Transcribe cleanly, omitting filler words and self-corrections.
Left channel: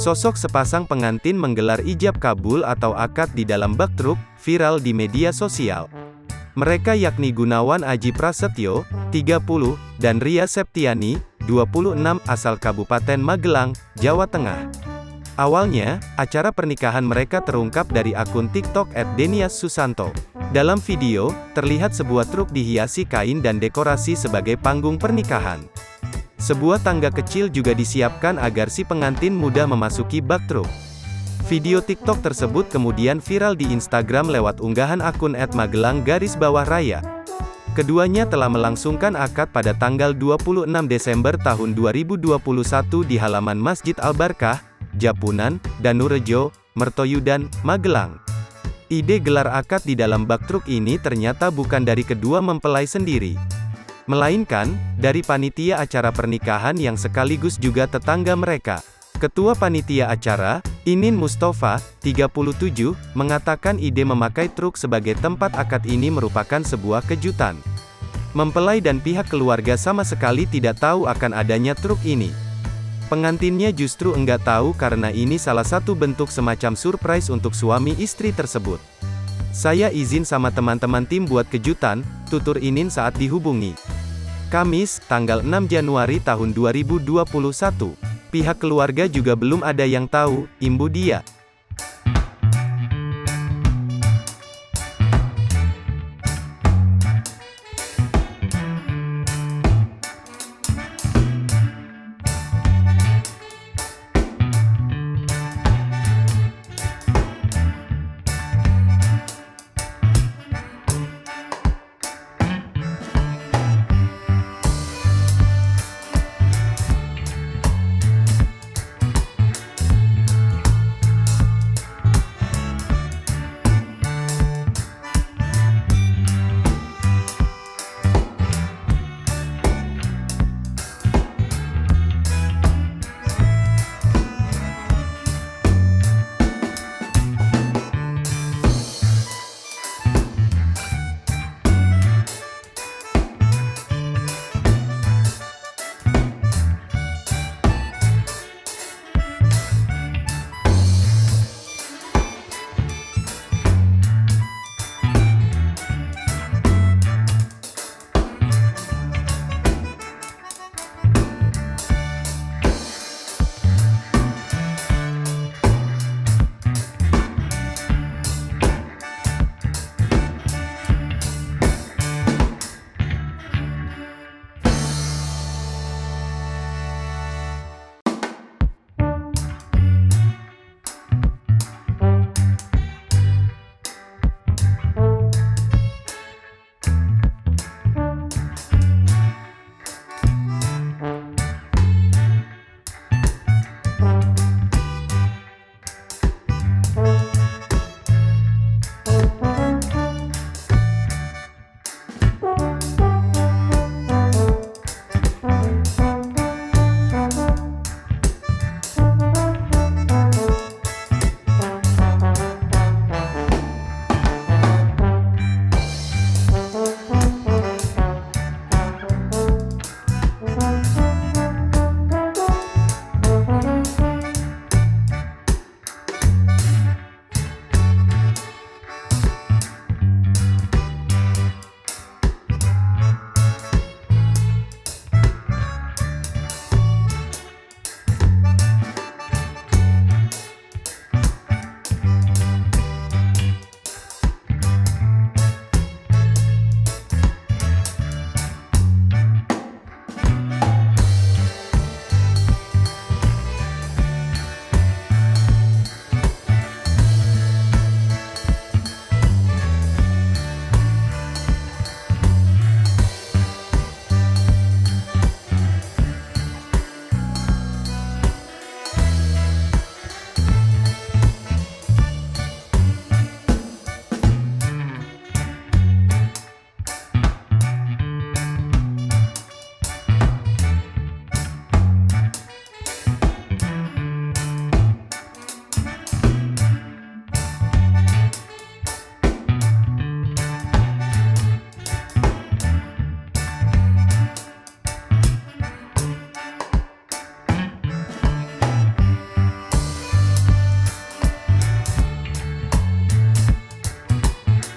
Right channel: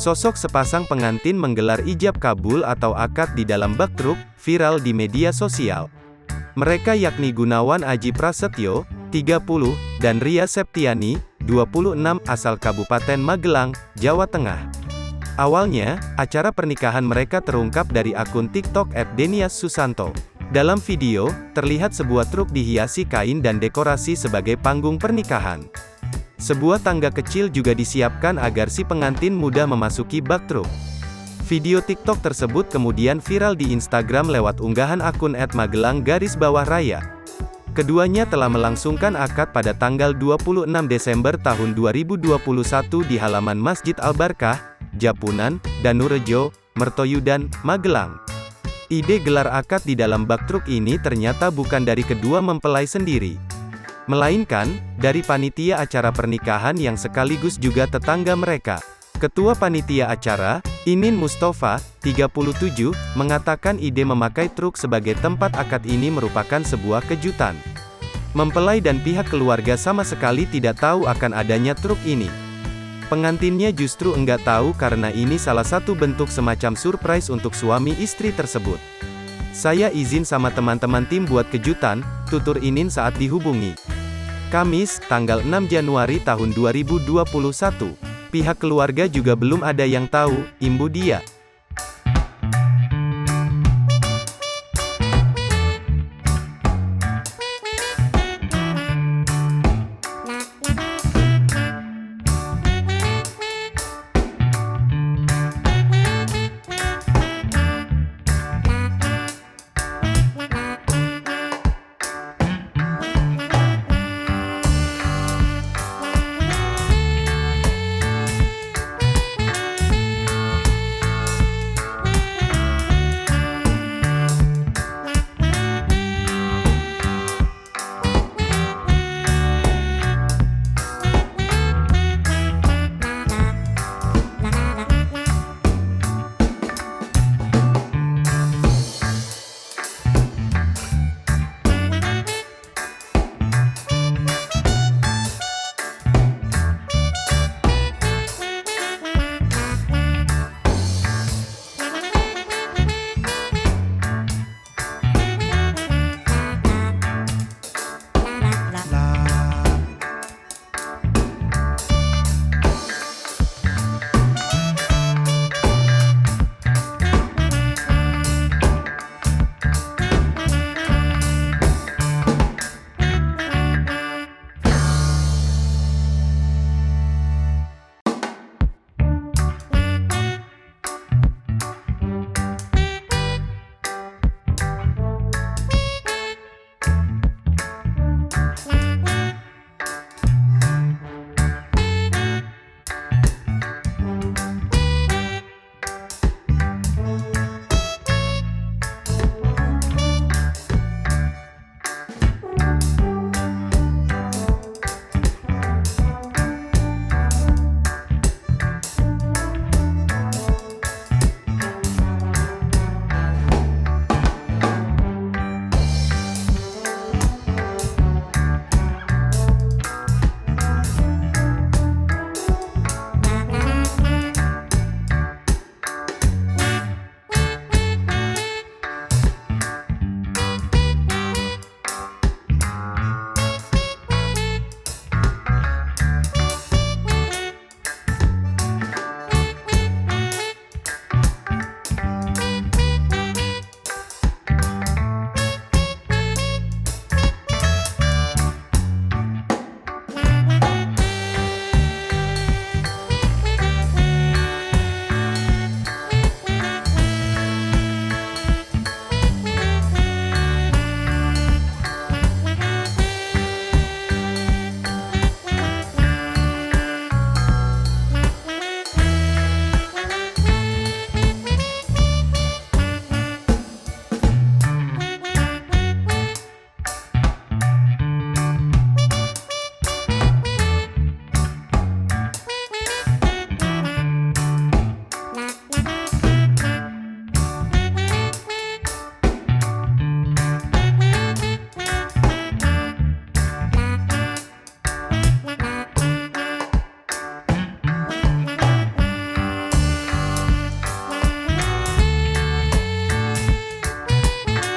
Sosok sepasang pengantin menggelar ijab kabul atau akad di dalam bak truk, viral di media sosial. Mereka yakni Gunawan Aji Prasetyo, 30, dan Ria Septiani, 26, asal Kabupaten Magelang, Jawa Tengah. Awalnya, acara pernikahan mereka terungkap dari akun TikTok @deniassusanto. Dalam video, terlihat sebuah truk dihiasi kain dan dekorasi sebagai panggung pernikahan. Sebuah tangga kecil juga disiapkan agar si pengantin mudah memasuki bak truk. Video TikTok tersebut kemudian viral di Instagram lewat unggahan akun @magelang_raya. Keduanya telah melangsungkan akad pada tanggal 26 Desember tahun 2021 di halaman Masjid Al-Barkah, Japunan, Danurejo, Mertoyudan, Magelang. Ide gelar akad di dalam bak truk ini ternyata bukan dari kedua mempelai sendiri, melainkan dari panitia acara pernikahan yang sekaligus juga tetangga mereka. Ketua panitia acara, Inin Mustafa, 37, mengatakan ide memakai truk sebagai tempat akad ini merupakan sebuah kejutan. Mempelai dan pihak keluarga sama sekali tidak tahu akan adanya truk ini. Pengantinnya justru enggak tahu karena ini salah satu bentuk semacam surprise untuk suami istri tersebut. Saya izin sama teman-teman tim buat kejutan, tutur Inin saat dihubungi. Kamis, tanggal 6 Januari tahun 2021. Pihak keluarga juga belum ada yang tahu, imbu dia.